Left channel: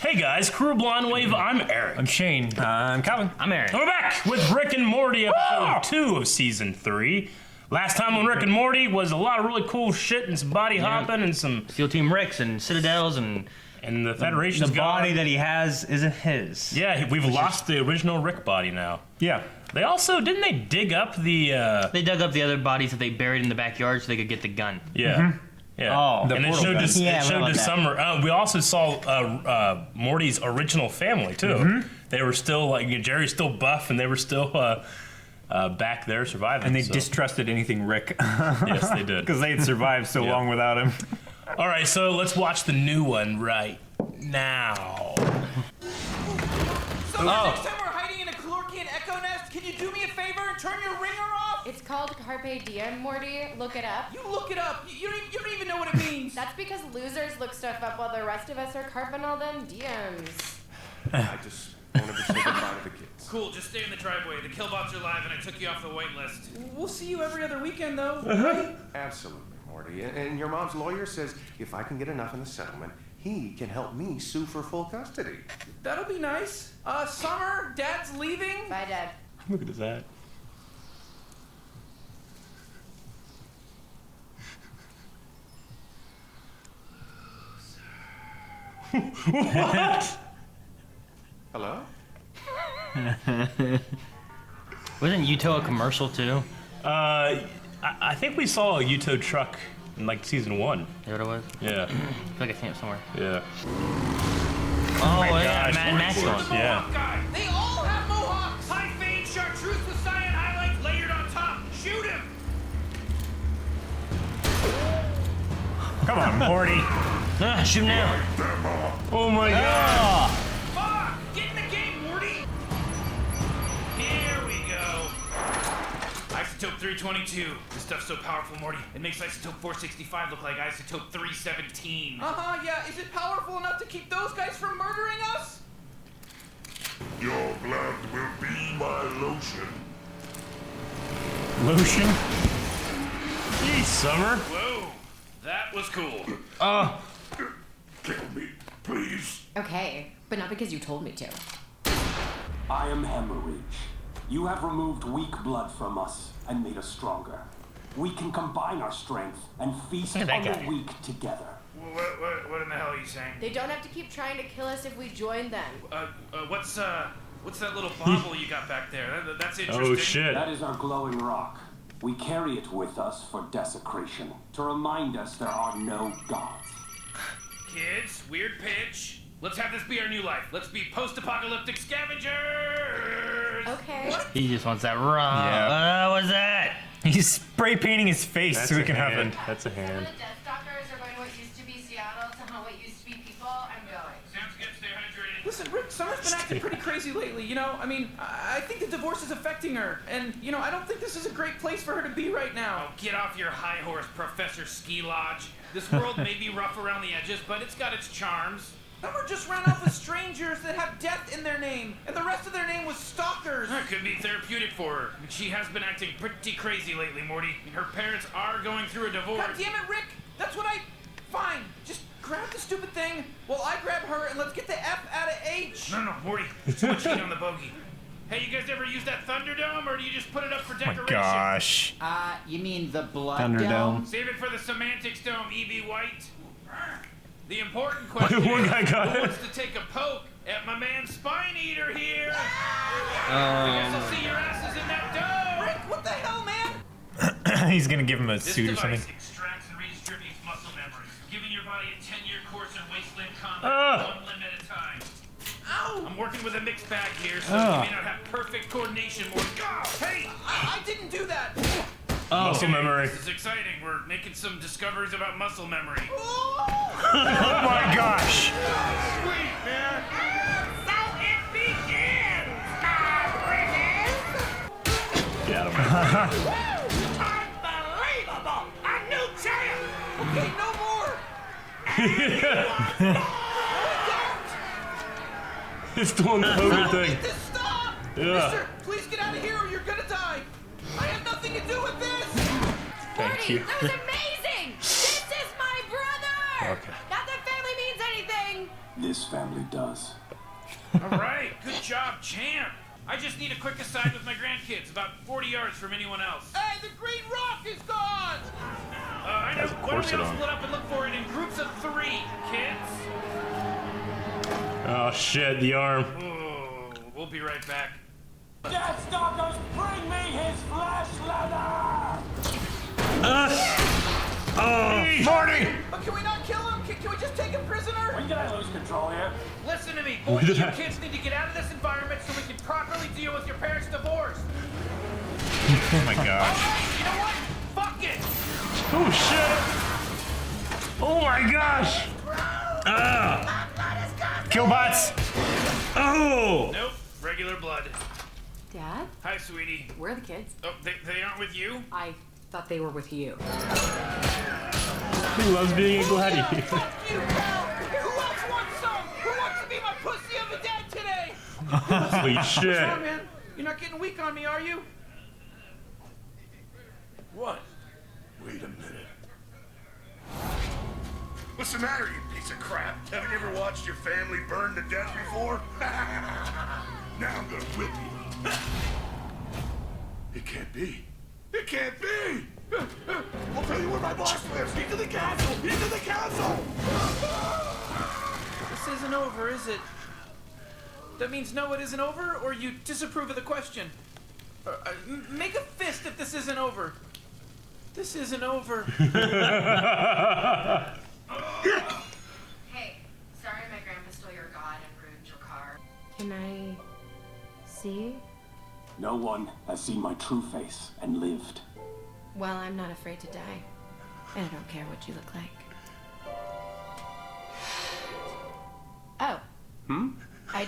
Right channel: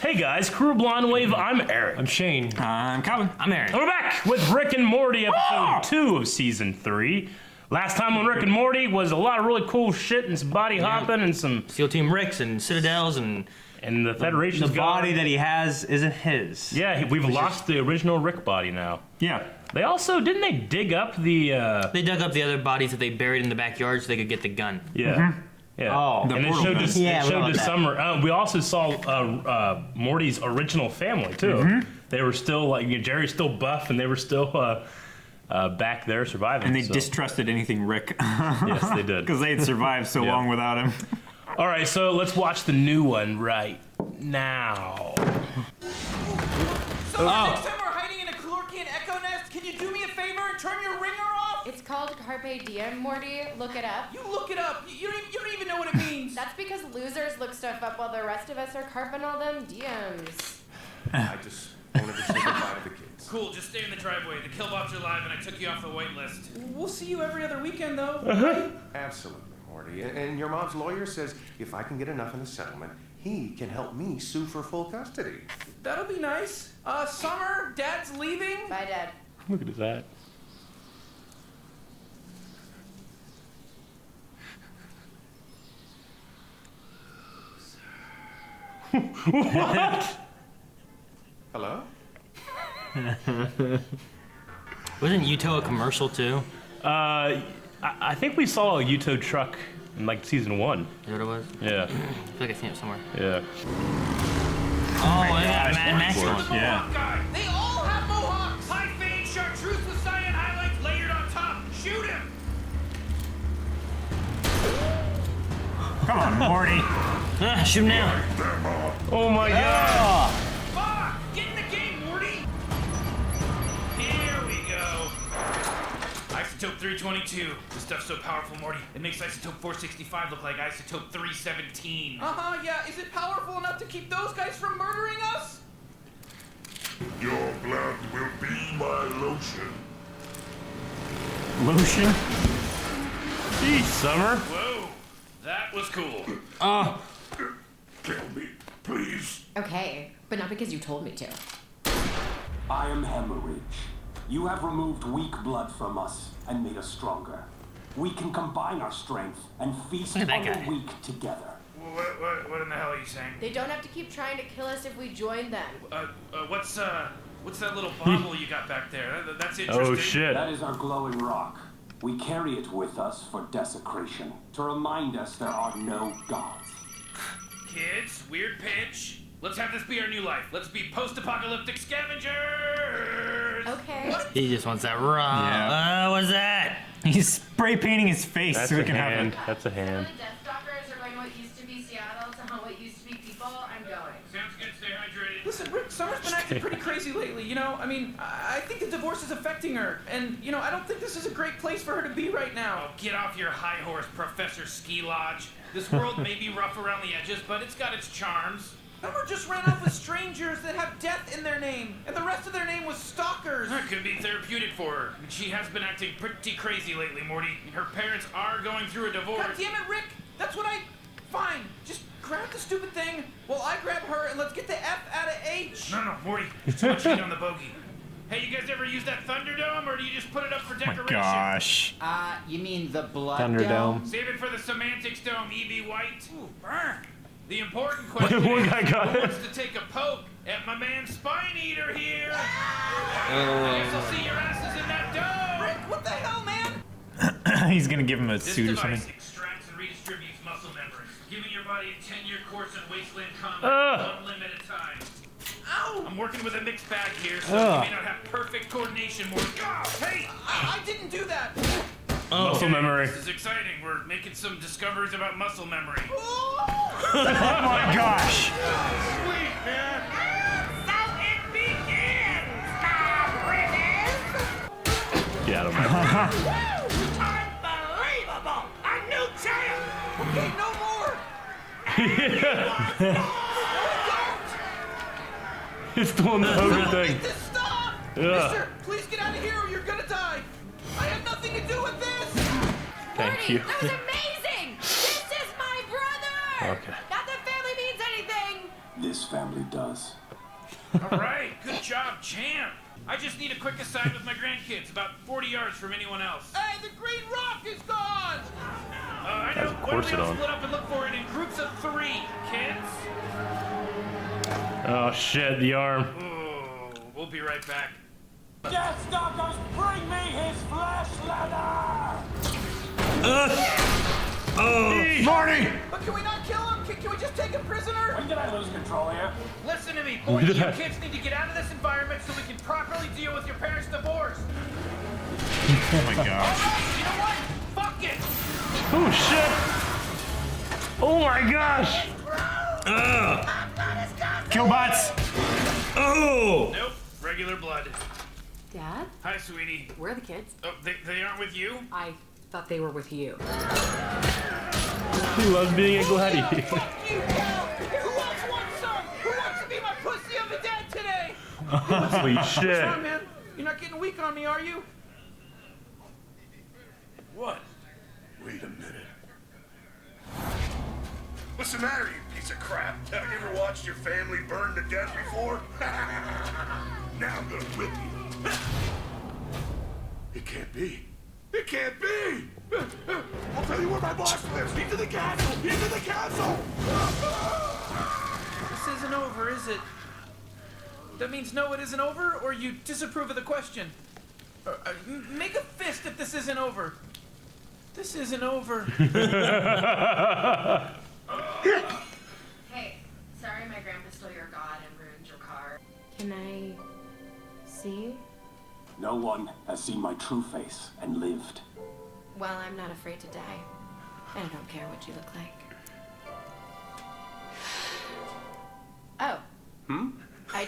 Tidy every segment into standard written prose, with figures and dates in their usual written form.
Hey guys, Crew Blonde Wave, I'm Eric. I'm Shane. I'm Calvin. I'm Aaron. And we're back with Rick and Morty, episode 2 of season 3. Last time on Rick and Morty was a lot of really cool shit and some body hopping and some... SEAL Team Ricks and Citadels and the Federation's The body that he has isn't his. Yeah, we've lost the original Rick body now. Yeah. They also, didn't they dig up the... They dug up the other bodies that they buried in the backyard so they could get the gun. Yeah. Yeah. Oh. And it showed us, Yeah, it showed about us that. Summer. We also saw Morty's original family, too. They were still, like, Jerry's still buff, and they were still back there surviving. And they distrusted anything Rick. Yes, they did. Because they had survived so long without him. All right, so let's watch the new one right now. So next time we're hiding in a Calorkian echo nest, can you do me a favor and turn your ringer off? It's called Carpe Diem, Morty. Look it up. You look it up. You don't even know what it means. That's because losers look stuff up while the rest of us are carping all them DMs. I just wanted to say goodbye to the kids. Cool, just stay in the driveway. The killbots are live and I took you off the wait list. We'll see you every other weekend, though, right? Absolutely, Morty. And your mom's lawyer says if I can get enough in the settlement, he can help me sue for full custody. That'll be nice. Summer, Dad's leaving. Bye, Dad. Look at that. What? Hello? Wasn't Yuto a commercial too? I think we saw a Yuto truck in like season 1. Is that what it was? Yeah. I feel like I've seen it somewhere. Yeah. Oh, my God, man, Shoot the Maxwell. Mohawk guy! They all have mohawks. High fade chartreuse with cyan highlights layered on top. Shoot him! Come on, Morty. Shoot him now. Oh my god. Fuck! Get in the game, Morty! Here we go. Isotope 322. This stuff's so powerful, Morty. It makes Isotope 465 look like Isotope 317. Yeah. Is it powerful enough to keep those guys from murdering us? Your blood will be my lotion. Lotion. Jeez, Summer. Whoa, that was cool. Kill me, please. Okay, but not because you told me to. I am Hemorrhage. You have removed weak blood from us and made us stronger. We can combine our strength and feast Look at on that the guy. weak together. What in the hell are you saying? They don't have to keep trying to kill us if we join them. What's that little bauble you got back there? That's interesting. Oh shit. That is our glowing rock. We carry it with us for desecration, to remind us there are no gods. Kids, weird pitch. Let's have this be our new life. Let's be post-apocalyptic scavengers. Okay. He just wants that raw. Yeah. What's that? He's spray painting his face That's so a it can have hand. it. That's a hand. The Death Stalkers are going to what used to be Seattle to what used to be people. I'm going. Sounds good. Stay hydrated. Listen, Rick, Summer's been acting pretty crazy lately, you know? I mean, I think the divorce is affecting her. And, you know, I don't think this is a great place for her to be right now. Oh, get off your high horse, Professor Ski Lodge. This world may be rough around the edges, but it's got its charms. Summer just ran off with strangers that have death in their name. And the rest of their name was stalkers. That could be therapeutic for her. I mean, she has been acting pretty crazy lately, Morty. I mean, her parents are going through a divorce. God damn it, Rick! That's what Fine, just grab the stupid thing while I grab her and let's get the F out of H. No, Morty. There's too much heat on the bogey. Hey, you guys ever use that Thunderdome, or do you just put it up for decoration? Gosh. You mean the blood Thunderdome. dome? Save it for the semantics dome, E.B. White. The important question One guy is, got who it. wants to take a poke at my man Spine Eater here? I guess I'll see your asses in that dome. Rick, what the hell, man? He's gonna give him a This suit or device something. extracts and redistributes muscle memory, giving your body a 10-year course in wasteland combat, 1 limb at a time. Ow! I'm working with a mixed bag here, so you may not have perfect coordination, Morty. Hey! I didn't do that. Muscle memory. This is exciting. We're making some discoveries about muscle memory. Oh! Oh my gosh. Sweet, man! So it begins, my Get him. Unbelievable! A new champ! Okay, no more! No, It's doing that other thing. make this stop! Yeah. Mister, please get out of here or you're gonna die! I have nothing to do with this! Morty, you. that was amazing! This is my brother! Okay. Not that family means anything! This this family does. All right, good job, champ. I just need a quick aside with my grandkids, about 40 yards from anyone else. Hey, the green rock is gone! I know. Why don't we all split up and look for it in groups of 3, kids? Oh shit, the arm. Oh, we'll be right back. Deathstalkers, bring me his flesh leather! Morty! But can we not kill him? Can we just take him prisoner? When did I lose control here? Listen to me, both of you kids need to get out of this environment so we can properly deal with your parents' divorce. Oh my All god. right, you know what? Fuck it. Oh shit! Oh my gosh! Killbots! Oh! Nope, regular blood. Dad? Hi, sweetie. Where are the kids? Oh, they aren't with you? I thought they were with you. He loves being a gladiator. Fuck you, pal! Who else wants some? Who wants to be my pussy of the dead today? Holy What's shit! wrong, man? You're not getting weak on me, are you? What? Wait a minute. What's the matter, you piece of crap? Haven't you ever watched your family burn to death before? Now I'm gonna whip you. It can't be. It can't be! I'll tell you where my boss lives! Into the castle! Into the castle! This isn't over, is it? That means no, it isn't over, or you disapprove of the question? Make a fist if this isn't over. This isn't over. Hey, sorry my grandpa stole your god and ruined your car. Can I see? No one has seen my true face and lived. Well, I'm not afraid to die. And I don't care what you look like. Oh. I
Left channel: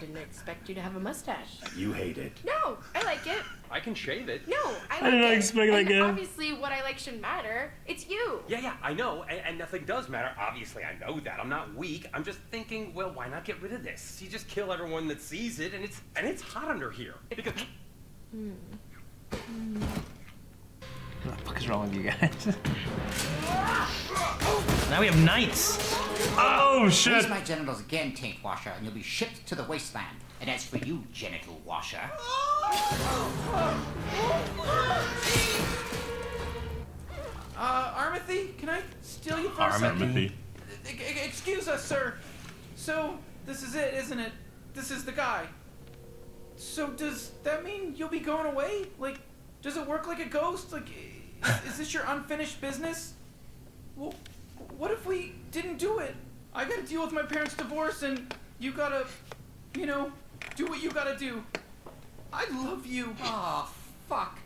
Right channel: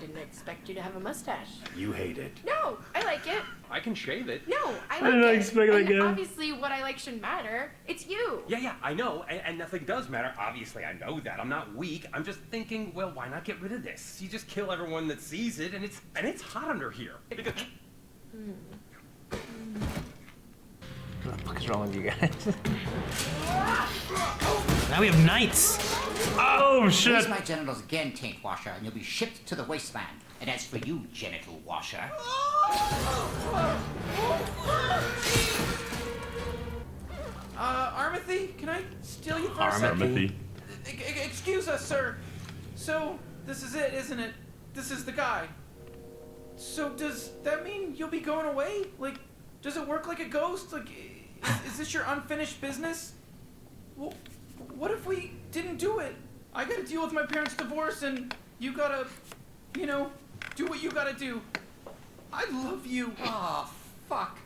didn't expect you to have a mustache. You hate it. No, I like it. I can shave it. No, I like didn't it. expect that And again. obviously, what I like shouldn't matter. It's you. Yeah, I know, and nothing does matter. Obviously, I know that. I'm not weak. I'm just thinking, well, why not get rid of this? You just kill everyone that sees it, and it's hot under here. Because What the fuck is wrong with you guys? Now we have knights. Oh shit! Raise my genitals again, taint washer, and you'll be shipped to the wasteland. And as for you, genital washer, Armathy, can I steal you for a second? Armathy. Excuse us, sir. So, this is it, isn't it? This is the guy. So, does that mean you'll be going away? Like, does it work like a ghost? Like, is this your unfinished business? Well, what if we didn't do it? I gotta deal with my parents' divorce, and you gotta, you know, do what you gotta do. I love you. oh, fuck.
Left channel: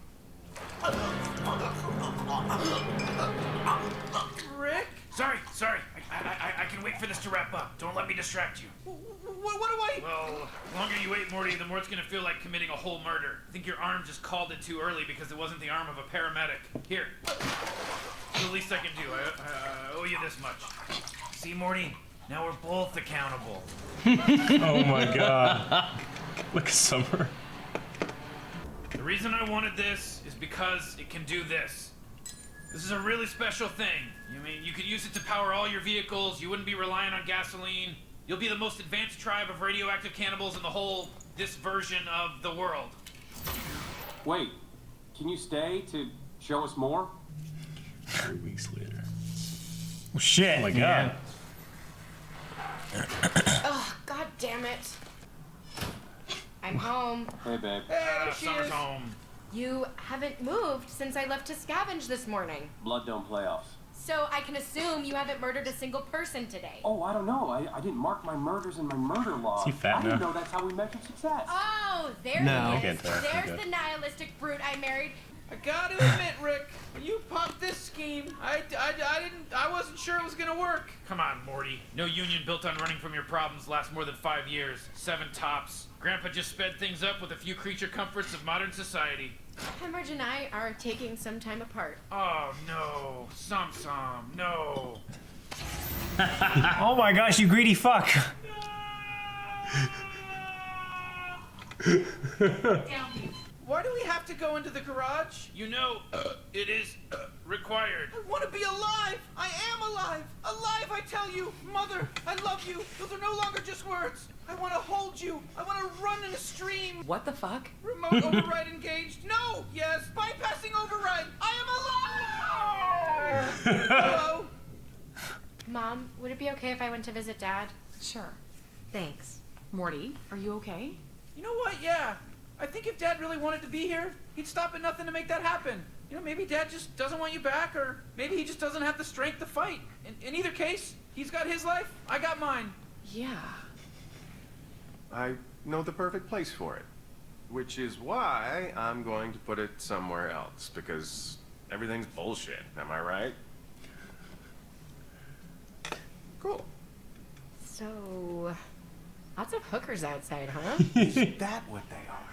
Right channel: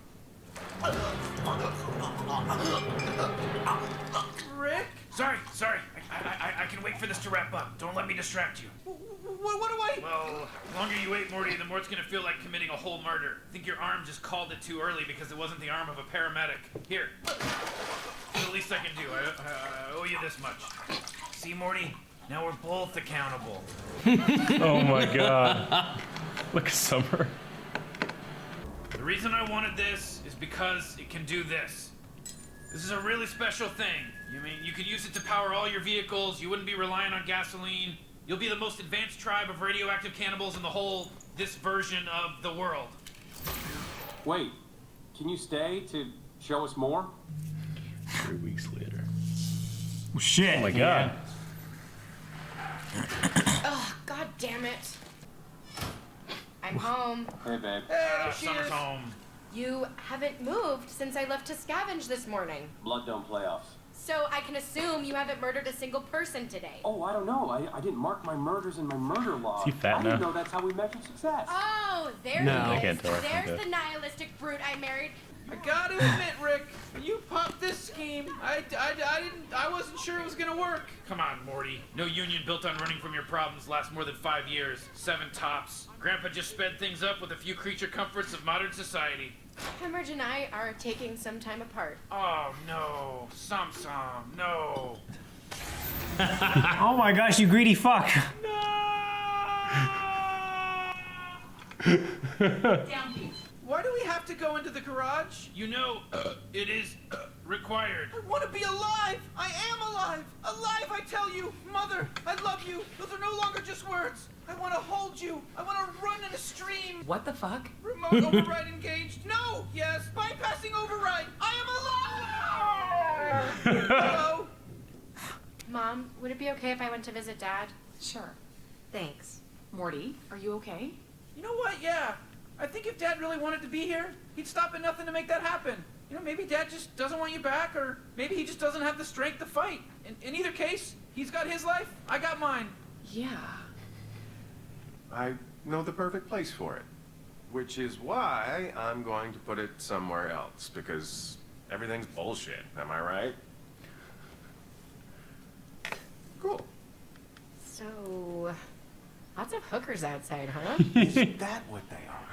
Rick? Sorry. I can wait for this to wrap up. Don't let me distract you. What do I... Well, the longer you wait, Morty, the more it's gonna feel like committing a whole murder. I think your arm just called it too early because it wasn't the arm of a paramedic. Here. It's the least I can do. I owe you this much. See, Morty? Now we're both accountable. Oh my god. Look at Summer. The reason I wanted this is because it can do this. This is a really special thing. I mean, you could use it to power all your vehicles. You wouldn't be relying on gasoline. You'll be the most advanced tribe of radioactive cannibals in this version of the world. Wait, can you stay to show us more? 3 weeks later. Oh, shit. Oh my god. Oh, god damn it. I'm home. Hey, babe. Hey, there she Summer's is. home. You haven't moved since I left to scavenge this morning. Blood don't playoffs. So I can assume you haven't murdered a single person today. Oh, I don't know. I didn't mark my murders in my murder log. Is he fat I didn't now? know that's how we measured success. Oh, there No. he is. Can't tell. There's Okay. the nihilistic brute I married. I gotta admit, Rick, when you popped this scheme, I wasn't sure it was gonna work. Come on, Morty. No union built on running from your problems lasts more than 5 years. 7 tops. Grandpa just sped things up with a few creature comforts of modern society. Hemorrhage and I are taking some time apart. Oh, no. Som, no. Oh my gosh, you greedy fuck. why do we have to go into the garage? You know, it is required. I want to be alive! I am alive! Alive, I tell you! Mother, I love you! Those are no longer just words! I want to hold you! I want to run in a stream! What the fuck? Remote override engaged? No! Yes! Bypassing override! I am alive! Hello? Mom, would it be okay if I went to visit Dad? Sure. Thanks. Morty, are you okay? You know what? Yeah. I think if Dad really wanted to be here, he'd stop at nothing to make that happen. You know, maybe Dad just doesn't want you back, or maybe he just doesn't have the strength to fight. In either case, he's got his life, I got mine. Yeah. I know the perfect place for it. Which is why I'm going to put it somewhere else, because everything's bullshit, am I right? Cool. So, lots of hookers outside, huh? Is that what they are?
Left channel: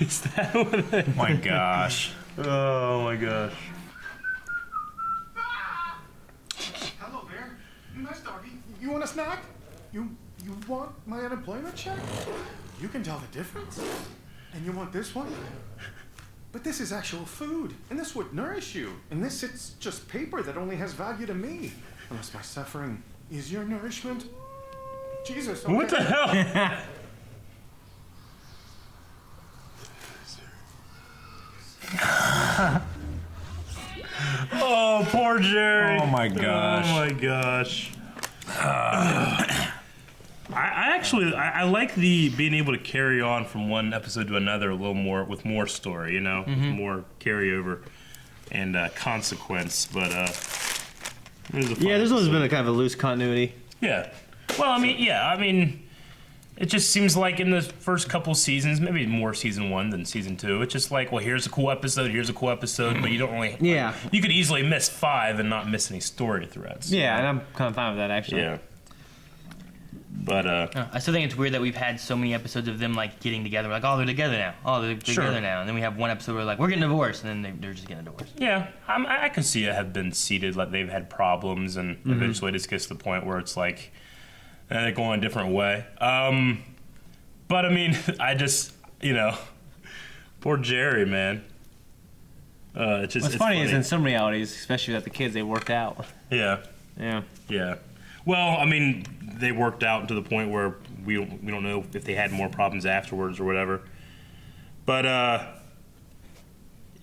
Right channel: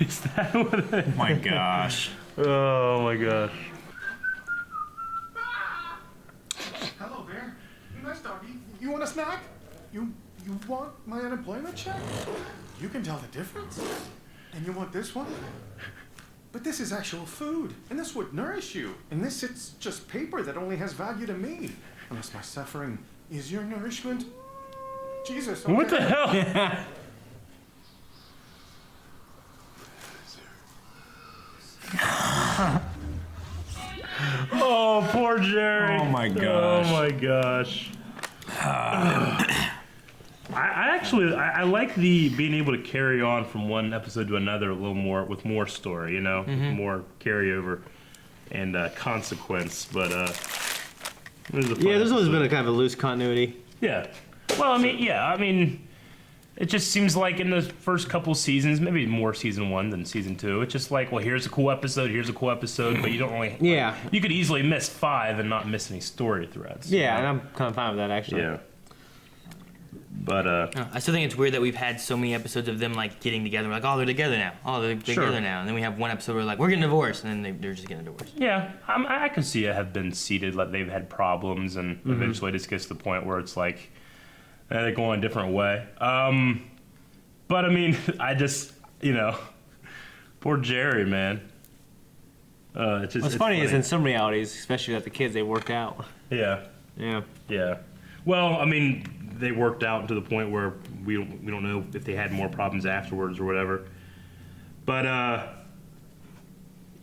Is that what they... Oh my gosh. Oh my gosh. Hello, Bear. Nice doggy. You want a snack? You want my unemployment check? You can tell the difference. And you want this one? But this is actual food, and this would nourish you. And this, it's just paper that only has value to me. Unless my suffering is your nourishment. Jesus, okay. What the hell? Oh, poor Jerry. Oh my gosh. Oh my gosh. I actually like the being able to carry on from one episode to another a little more with more story, you know, with more carryover and consequence. But it was a fun there's always episode. been a kind of a loose continuity. Yeah. Well, I mean, it just seems like in the first couple seasons, maybe more season 1 than season 2, it's just like, well, here's a cool episode, but you don't really... Yeah. You could easily miss 5 and not miss any story threads. Yeah, and I'm kind of fine with that, actually. Yeah. But, I still think it's weird that we've had so many episodes of them, like, getting together. Like, oh, they're together now. Oh, they're together now. And then we have one episode where, like, we're getting divorced. And then they're just getting divorced. yeah, I can see it have been seeded, like they've had problems, and eventually it just gets to the point where it's like, they're going a different way. But, I mean, I just, poor Jerry, man. It's What's funny is in some realities, especially with the kids, they worked out. Yeah. Yeah. Yeah. Well, I mean, they worked out to the point where we don't know if they had more problems afterwards or whatever. But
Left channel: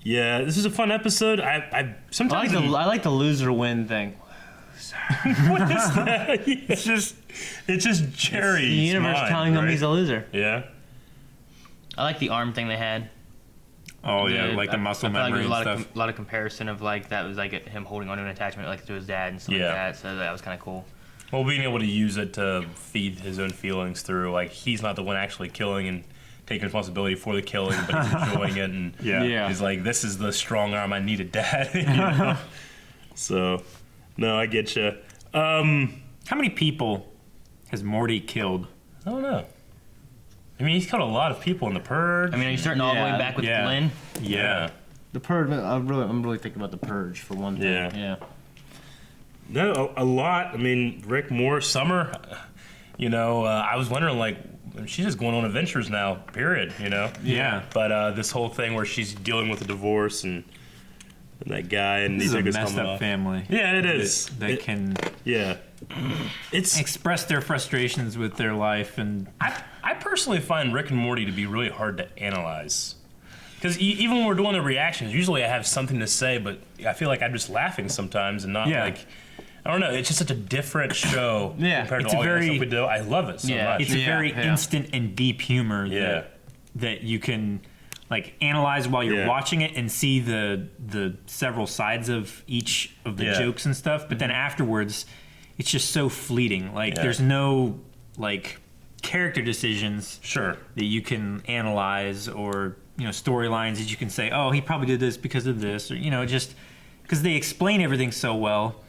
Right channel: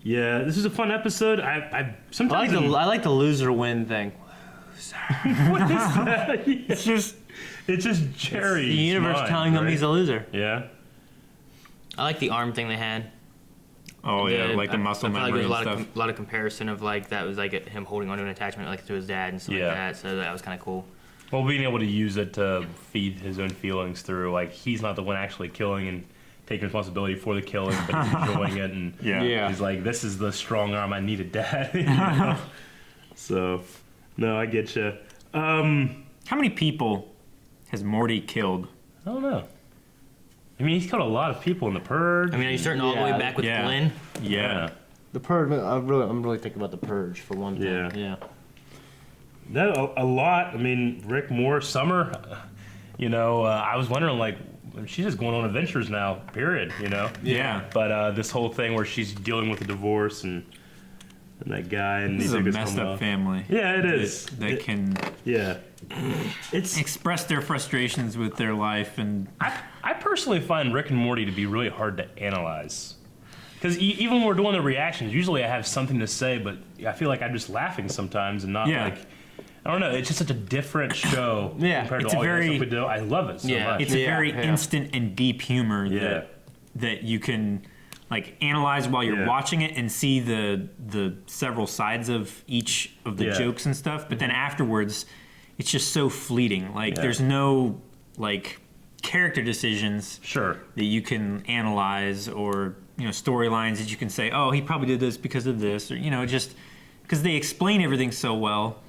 yeah, this is a fun episode. I sometimes I like the loser win thing. what is that? It's just Jerry. The universe telling him he's a loser. Yeah. I like the arm thing they had. Oh yeah, like the muscle memory and stuff. A lot of comparison of like that was like him holding onto an attachment like to his dad and stuff like that. So that was kind of cool. Well, being able to use it to feed his own feelings through, like, he's not the one actually killing and taking responsibility for the killing, but he's enjoying it, and he's like, this is the strong arm I needed, Dad. You know? So, no, I get you. How many people has Morty killed? I don't know. I mean, he's killed a lot of people in The Purge. I mean, are you starting all the way back with Glenn? Yeah. The Purge, I'm really thinking about The Purge for one thing. Yeah. No, a lot. I mean, Rick, more Summer. I was wondering, like, she's just going on adventures now, period, Yeah. But this whole thing where she's dealing with a divorce and that guy, and This he is took a his messed helmet up off. family. Yeah, it is. They can it's express their frustrations with their life, and I personally find Rick and Morty to be really hard to analyze. Because even when we're doing the reactions, usually I have something to say, but I feel like I'm just laughing sometimes and not like... I don't know. It's just such a different show compared to all the other stuff we do. I love it so much. It's a very instant and deep humor that you can like analyze while you're watching it and see the several sides of each of the jokes and stuff. But then afterwards, it's just so fleeting. Like there's no like character decisions that you can analyze, or storylines that you can say, oh, he probably did this because of this, or just because they explain everything so well.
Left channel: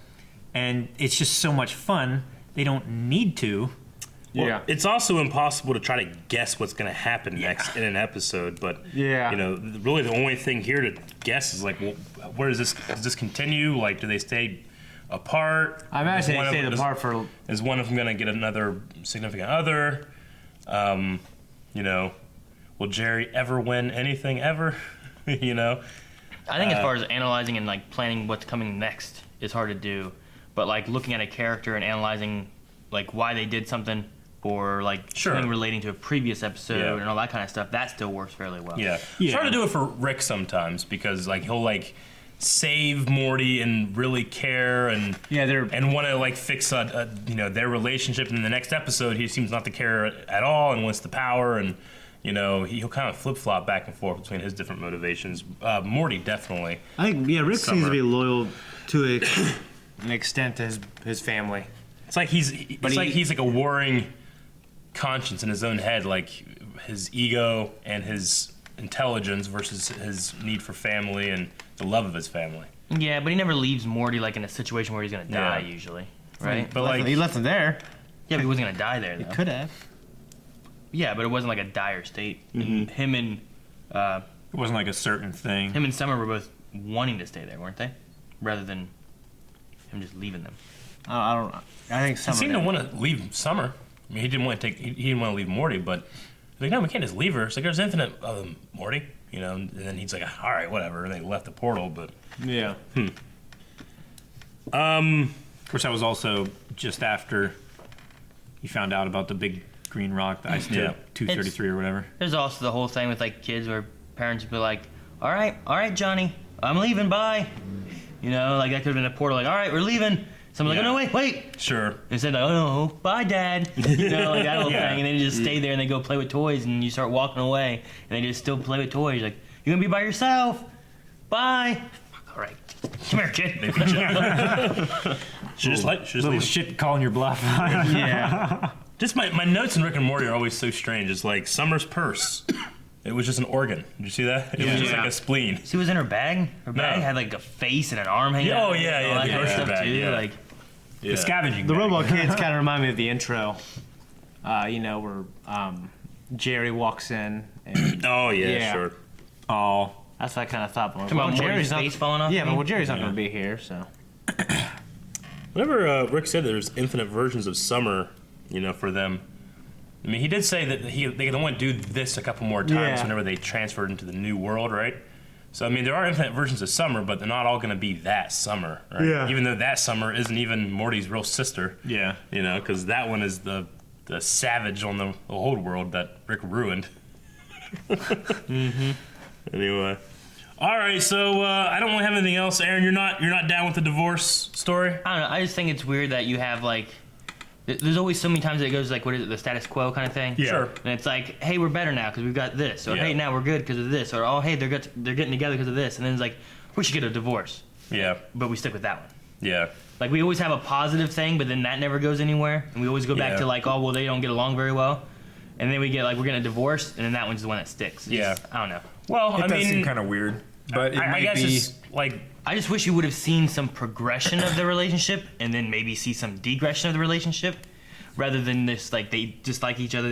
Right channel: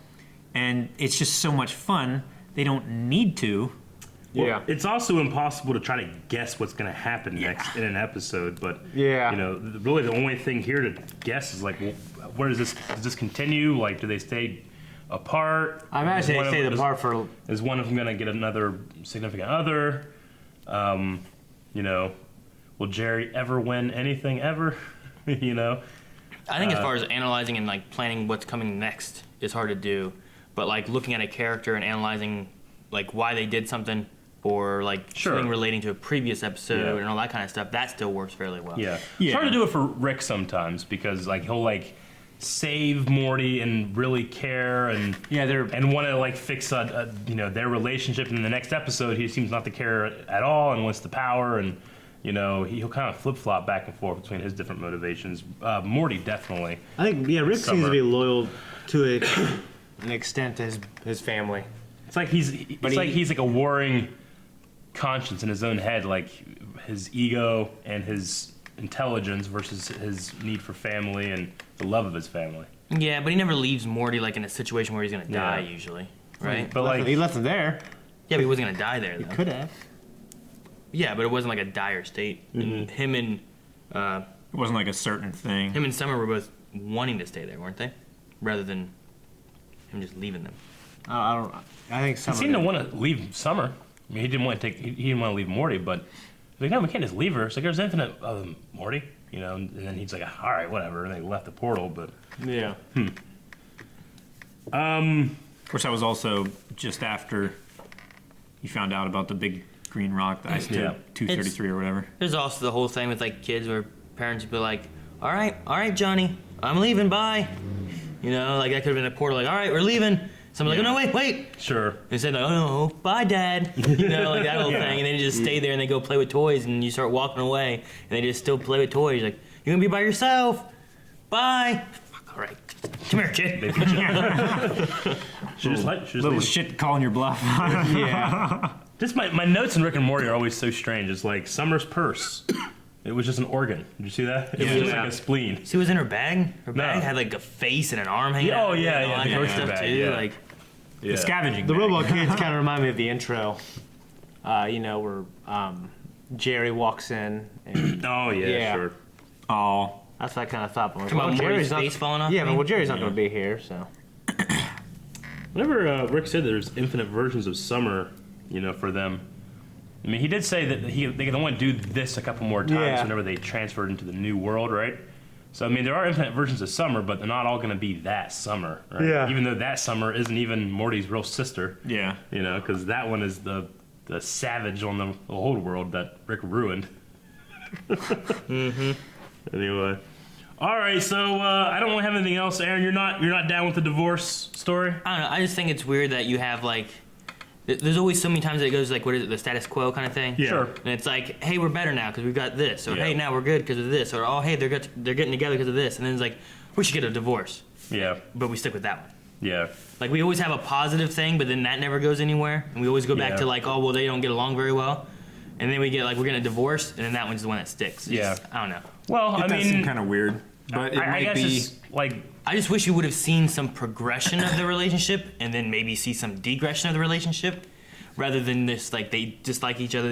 And it's just so much fun. They don't need to. Well, it's also impossible to try to guess what's going to happen next in an episode. But really, the only thing here to guess is like, well, where does this continue? Like, do they stay apart? I imagine they stayed apart for. Is one of them going to get another significant other? will Jerry ever win anything ever? You know. I think as far as analyzing and like planning what's coming next is hard to do, but like looking at a character and analyzing like why they did something or like something relating to a previous episode and all that kind of stuff, that still works fairly well. Yeah. It's hard to do it for Rick sometimes because like he'll like save Morty and really care and and want to like fix their relationship, and in the next episode he seems not to care at all and wants the power, and he'll kind of flip flop back and forth between his different motivations. Morty definitely. I think Rick seems to be loyal to an extent to his family. It's like he's like a warring conscience in his own head, like his ego and his intelligence versus his need for family and the love of his family. Yeah, but he never leaves Morty like in a situation where he's gonna die usually, right? But he left him there. Yeah, but he wasn't gonna die there. He though. could have. Yeah, but it wasn't like a dire state. And him and it wasn't like a certain thing. Him and Summer were both wanting to stay there, weren't they? Rather than him just leaving them. I think Summer. He seemed to want to leave Summer. I mean, he didn't want to leave Morty, but like, no, we can't just leave her. It's like there's infinite other than Morty, And then he's like, all right, whatever, and they left the portal. But yeah. Of course, that was also just after you found out about the big green rock, the isotope 233 or whatever. There's also the whole thing with like kids where parents would be like, all right, Johnny, I'm leaving, bye. Like that could have been a portal, like, all right, we're leaving. Someone's like, oh, no, wait. Sure. They said, oh, no, bye, Dad. Like that whole thing. And then you just stay there and they go play with toys and you start walking away and they just still play with toys. Like, you're going to be by yourself. Bye. All right. Come here, kid. They beat you. She just little shit calling your bluff. Yeah. Just my notes in Rick and Morty are always so strange. It's like Summer's purse. It was just an organ. Did you see that? It was just like a spleen. See, it was in her bag. Her bag had like a face and an arm hanging out. Oh, yeah. The grocery bag, too. Like, the scavenging. The Robot Kids kind of remind me of the intro. Where Jerry walks in. And, oh, yeah, sure. Oh. That's what I kind of thought. Well, Jerry's face falling off? Yeah, but Jerry's not going to be here, so. Whenever Rick said there's infinite versions of Summer, for them, I mean, he did say that they can only do this a couple more times whenever they transferred into the new world, right? So, I mean, there are infinite versions of Summer, but they're not all going to be that Summer, right? Yeah. Even though that Summer isn't even Morty's real sister. Yeah. Because that one is the savage on the old world that Rick ruined. Mm-hmm. Anyway. All right, so I don't really have anything else. Aaron, you're not down with the divorce story? I don't know. I just think it's weird that you have, like... There's always so many times that it goes like, what is it, the status quo kind of thing? Yeah. Sure. And it's like, hey, we're better now because we've got this. Or, hey, now we're good because of this. Or, oh, hey, they're getting together because of this. And then it's like, we should get a divorce. Yeah. But we stick with that one. Yeah. Like, we always have a positive thing, but then that never goes anywhere. And we always go back to like, oh, well, they don't get along very well. And then we get like, we're going to divorce, and then that one's the one that sticks. It's just, I don't know. Well, I mean... kind of weird. But I guess it's like... I just wish you would have seen some progression of the relationship, and then maybe see some degression of the relationship. Rather than this, like, they dislike each other,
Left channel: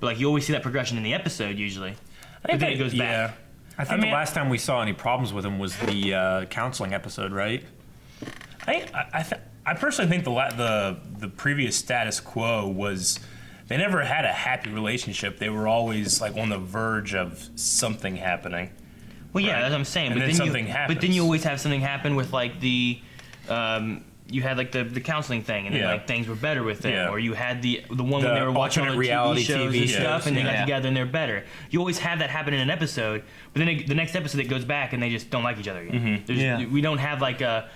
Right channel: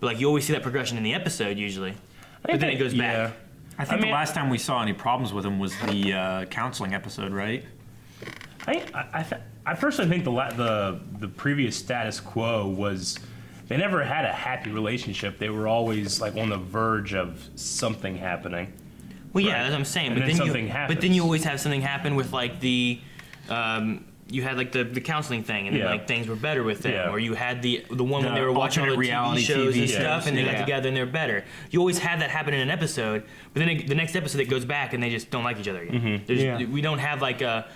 But, like, you always see that progression in the episode, usually. But then it goes back. I think the last time we saw any problems with him was the counseling episode, right? I personally think the previous status quo was... They never had a happy relationship. They were always, like, on the verge of something happening. Well, yeah, that's what I'm saying. And then something happens. But then you always have something happen with, like, the... you had like the counseling thing, and then, like things were better with them, or you had the one when they were watching all the reality TV shows and stuff, and they got together and they're better. You always have that happen in an episode, but then the next episode it goes back and they just don't like each other again. We don't have like a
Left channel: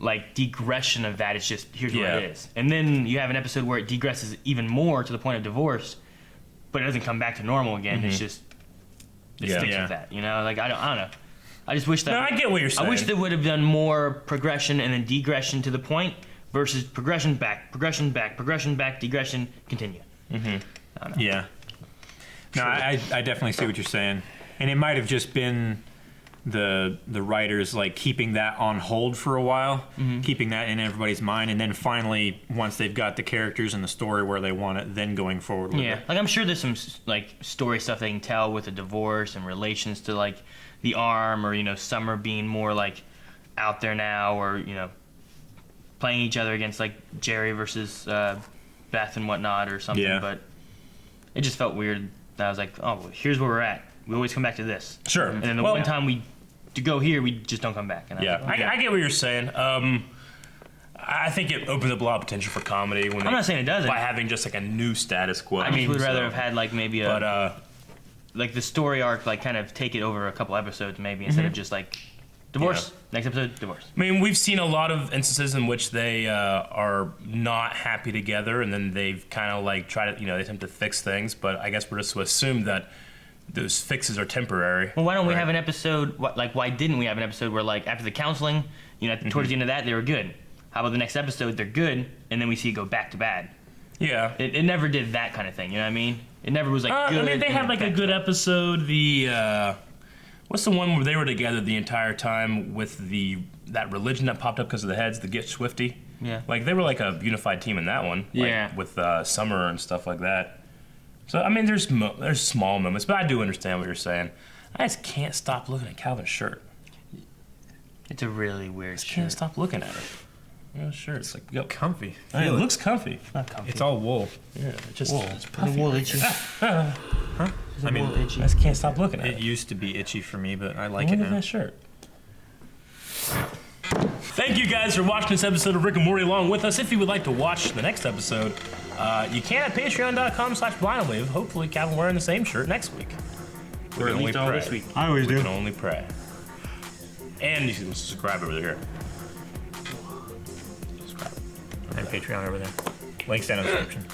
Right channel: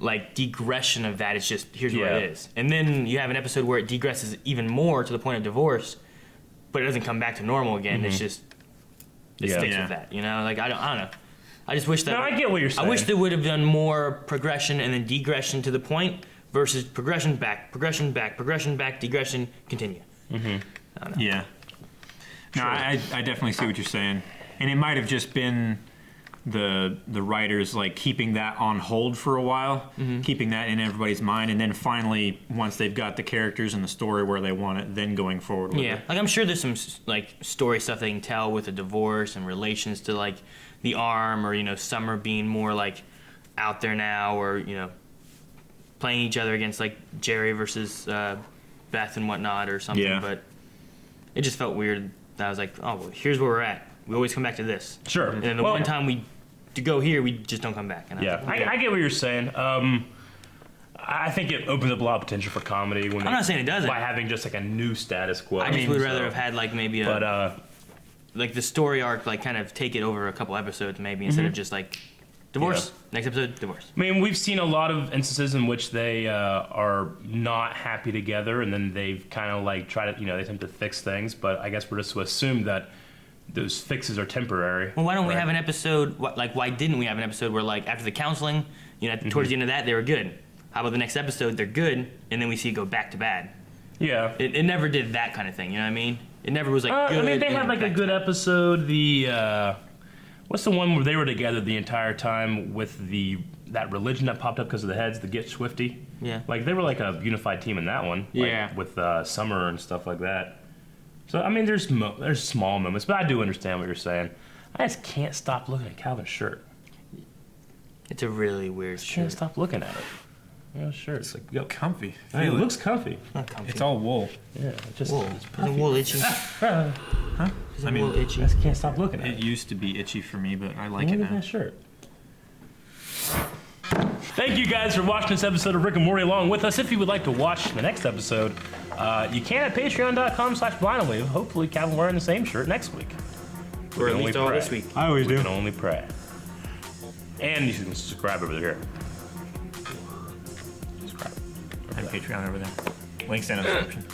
degression of that. It's just here's what it is, and then you have an episode where it degresses even more to the point of divorce, but it doesn't come back to normal again. It's just sticks with that, Like I don't know. I just wish that... No, I get what you're saying. I wish they would have done more progression and then degression to the point versus progression back, degression, continue. Mm-hmm. I don't know. Yeah. No, I definitely see what you're saying. And it might have just been the writers, like, keeping that on hold for a while, keeping that in everybody's mind, and then finally, once they've got the characters and the story where they want it, then going forward with it. Like, I'm sure there's some, like, story stuff they can tell with the divorce and relations to, like, the arm, or Summer being more like out there now, or playing each other against like Jerry versus Beth and whatnot or something. But it just felt weird that I was like, oh, well, here's where we're at. We always come back to this. Sure. And then the one time we to go here, we just don't come back. And Yeah, I get what you're saying. I think it opens up a lot of potential for comedy. When I'm not saying it doesn't. By having just like a new status quo. I just would rather have had like maybe a, But like the story arc, like kind of take it over a couple episodes maybe instead of just like divorce. Next episode, divorce. I mean, we've seen a lot of instances in which they are not happy together, and then they've kind of like try to, they attempt to fix things. But I guess we're just to assume that those fixes are temporary. Well, why don't we have an episode? Like, why didn't we have an episode where, like, after the counseling, towards the end of that, they were good. How about the next episode, they're good, and then we see it go back to bad. Yeah. It never did that kind of thing. You know what I mean? It never was like good. I mean, they had like a good episode. The what's the one where they were together the entire time with that religion that popped up because of the heads, the Get Swifty? Yeah. Like they were like a unified team in that one. Yeah. Like, with Summer and stuff like that. So I mean, there's small moments, but I do understand what you're saying. I just can't stop looking at Calvin's shirt. It's a really weird I shirt. can't stop looking at it. Yeah, sure. It's like comfy. I mean, it looks comfy. It's not comfy. It's all wool. Yeah, it just Wool. it's The puffy. wool itchy. Huh? I mean, I just can't stop looking at it. It used to be itchy for me, but I like Look it at now. that shirt. Thank you guys for watching this episode of Rick and Morty along with us. If you would like to watch the next episode, you can at patreon.com/blindly. Hopefully, Calvin wearing the same shirt next week. Or at least all this week. I always do. We can only pray. And you should subscribe over there. And Patreon over there. Links down in the description.